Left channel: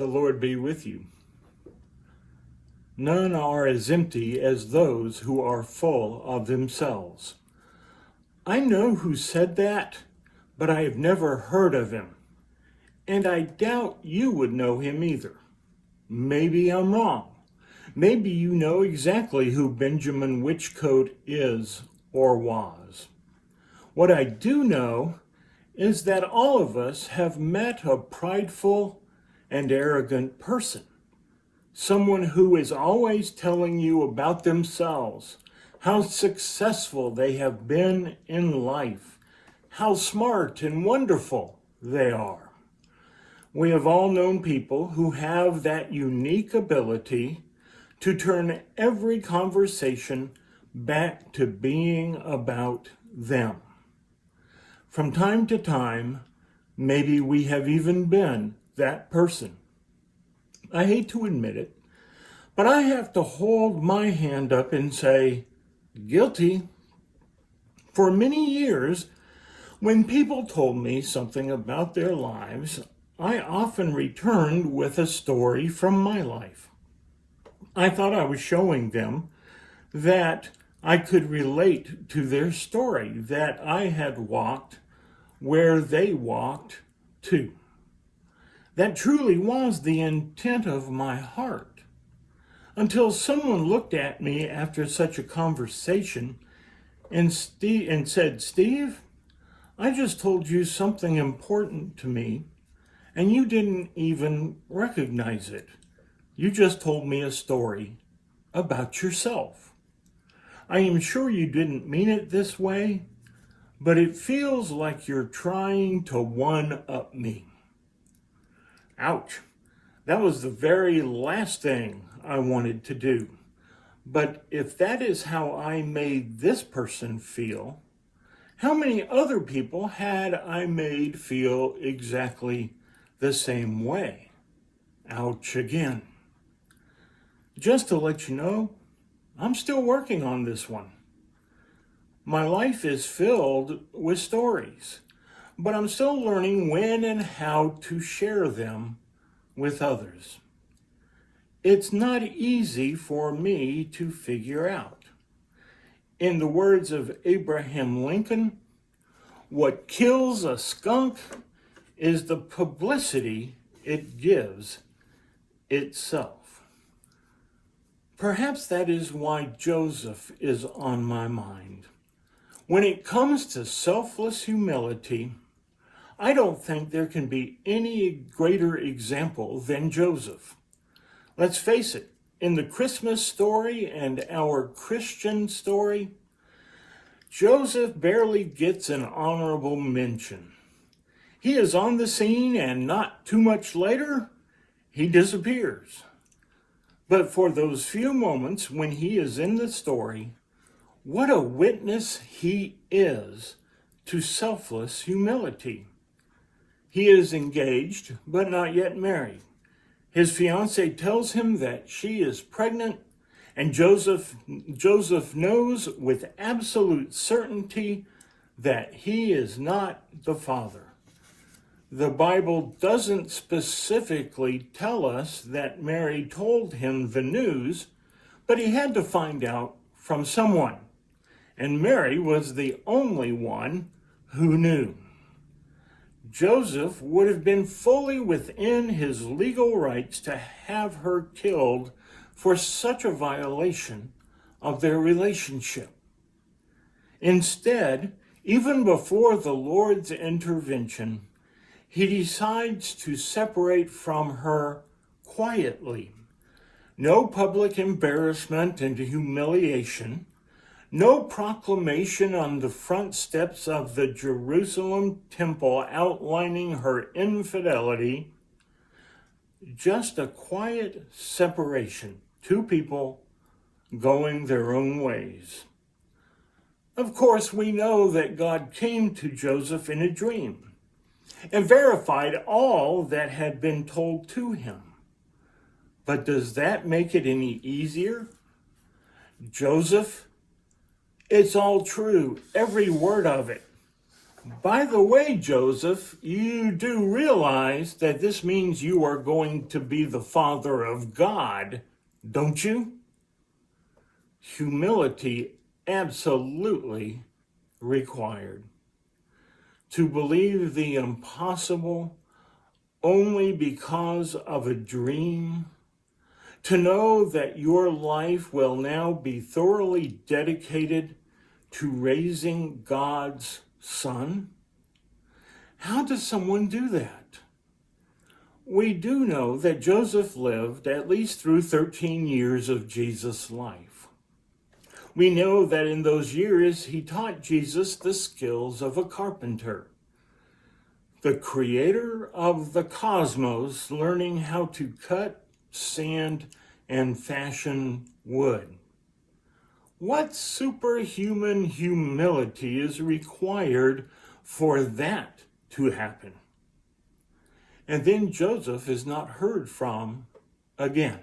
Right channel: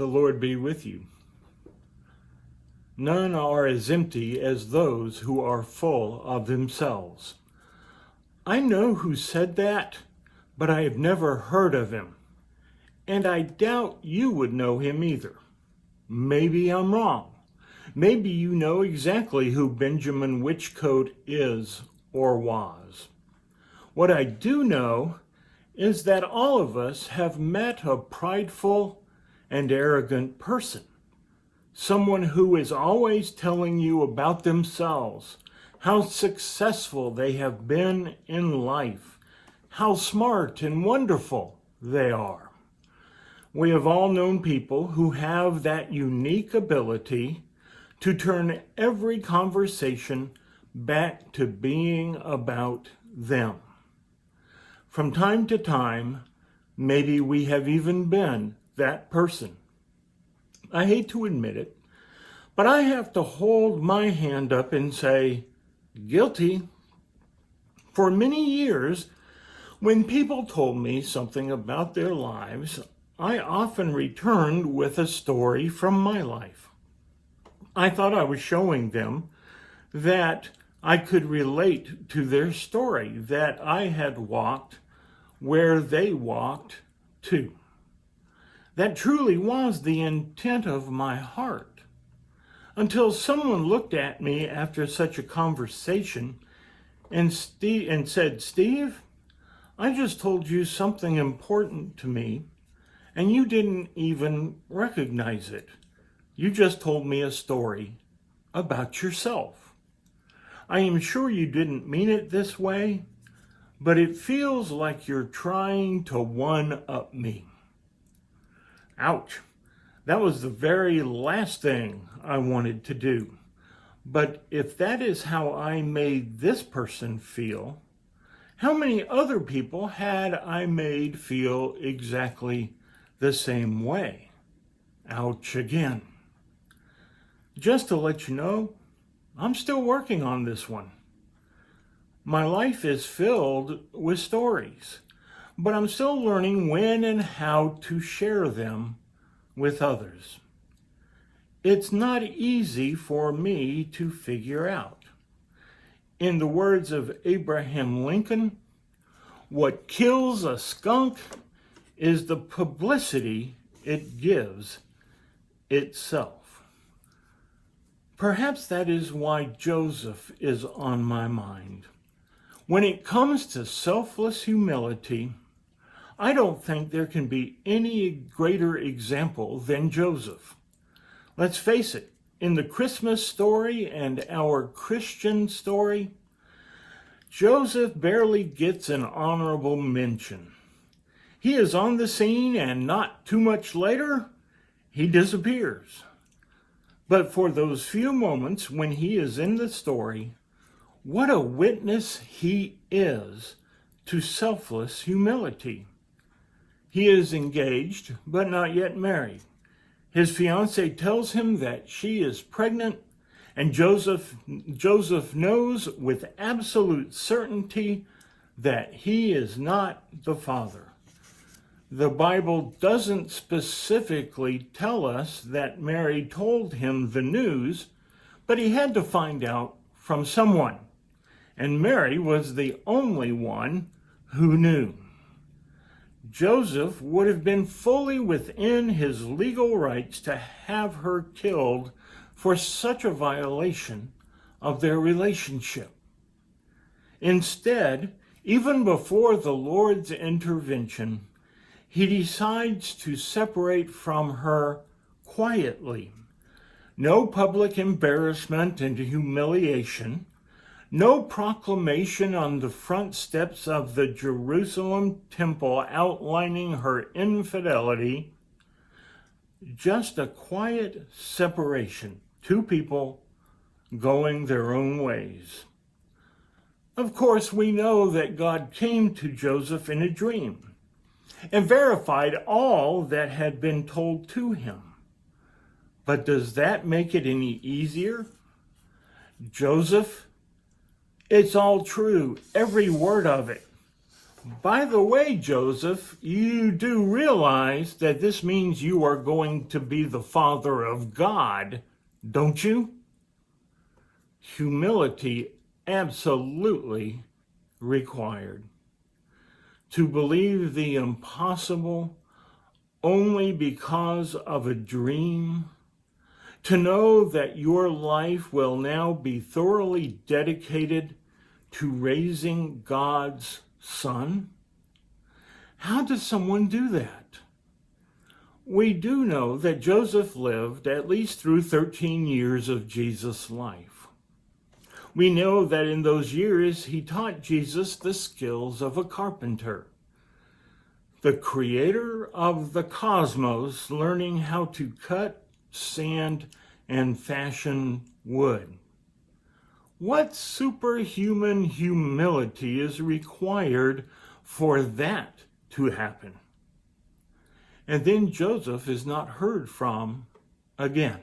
The Lord be with you. None are as empty as those who are full of themselves. I know who said that, but I have never heard of him, and I doubt you would know him either. Maybe I'm wrong. Maybe you know exactly who Benjamin Whichcote is or was. What I do know is that all of us have met a prideful and arrogant person, someone who is always telling you about themselves, how successful they have been in life, how smart and wonderful they are. We have all known people who have that unique ability to turn every conversation back to being about them. From time to time, maybe we have even been that person. I hate to admit it, but I have to hold my hand up and say, guilty. For many years, when people told me something about their lives, I often returned with a story from my life. I thought I was showing them that I could relate to their story, that I had walked where they walked too. That truly was the intent of my heart, until someone looked at me after such a conversation and said, Steve, I just told you something important to me, and you didn't even recognize it. You just told me a story about yourself. I am sure you didn't mean it this way, but it feels like you're trying to one-up me. Ouch. That was the very last thing I wanted to do. But if that is how I made this person feel, how many other people had I made feel exactly the same way? Ouch again. Just to let you know, I'm still working on this one. My life is filled with stories, but I'm still learning when and how to share them with others. It's not easy for me to figure out. In the words of Abraham Lincoln, what kills a skunk is the publicity it gives itself. Perhaps that is why Joseph is on my mind. When it comes to selfless humility, I don't think there can be any greater example than Joseph. Let's face it, in the Christmas story and our Christian story, Joseph barely gets an honorable mention. He is on the scene and not too much later, he disappears. But for those few moments when he is in the story, what a witness he is to selfless humility. He is engaged, but not yet married. His fiancée tells him that she is pregnant, and Joseph knows with absolute certainty that he is not the father. The Bible doesn't specifically tell us that Mary told him the news, but he had to find out from someone. And Mary was the only one who knew. Joseph would have been fully within his legal rights to have her killed for such a violation of their relationship. Instead, even before the Lord's intervention, he decides to separate from her quietly. No public embarrassment and humiliation, no proclamation on the front steps of the Jerusalem temple outlining her infidelity, just a quiet separation, two people going their own ways. Of course, we know that God came to Joseph in a dream and verified all that had been told to him. But does that make it any easier? Joseph, it's all true, every word of it. By the way, Joseph, you do realize that this means you are going to be the father of God, don't you? Humility absolutely required. To believe the impossible only because of a dream. To know that your life will now be thoroughly dedicated to raising God's son. How does someone do that? We do know that Joseph lived at least through 13 years of Jesus' life. We know that in those years he taught Jesus the skills of a carpenter, the creator of the cosmos, learning how to cut, sand, and fashion wood. What superhuman humility is required for that to happen? And then Joseph is not heard from again.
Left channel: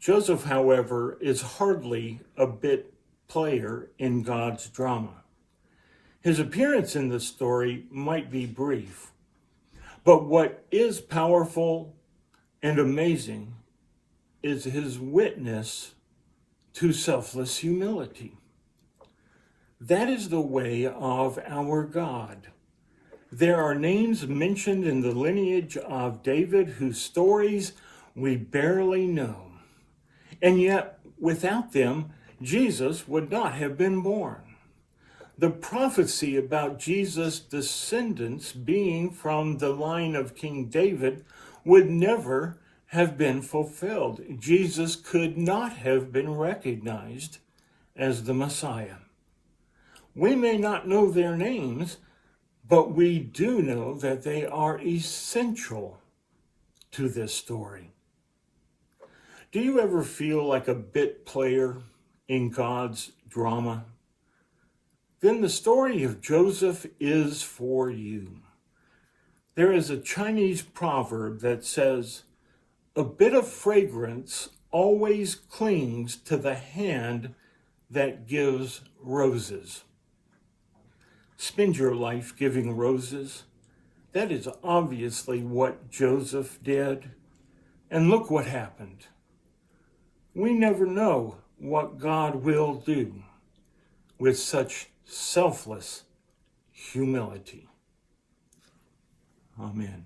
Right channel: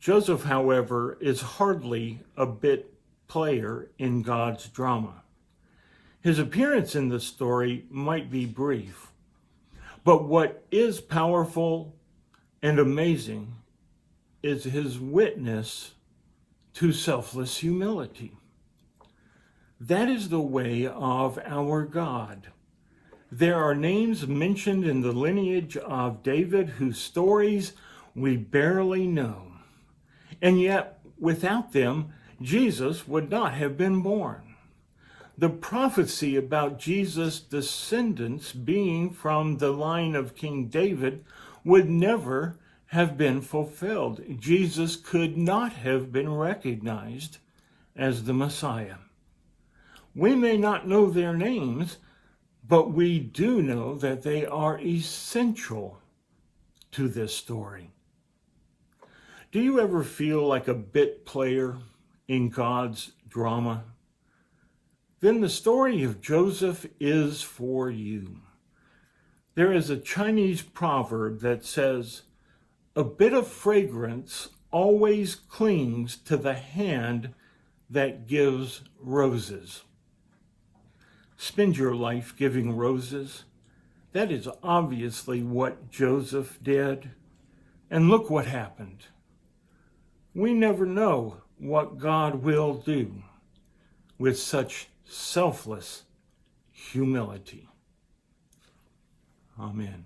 Joseph, however, is hardly a bit player in God's drama. His appearance in the story might be brief, but what is powerful and amazing is his witness to selfless humility. That is the way of our God. There are names mentioned in the lineage of David whose stories we barely know. And yet, without them, Jesus would not have been born. The prophecy about Jesus' descendants being from the line of King David would never have been fulfilled. Jesus could not have been recognized as the Messiah. We may not know their names, but we do know that they are essential to this story. Do you ever feel like a bit player in God's drama? Then the story of Joseph is for you. There is a Chinese proverb that says, "A bit of fragrance always clings to the hand that gives roses." Spend your life giving roses. That is obviously what Joseph did. And look what happened. We never know what God will do with such selfless humility. Amen.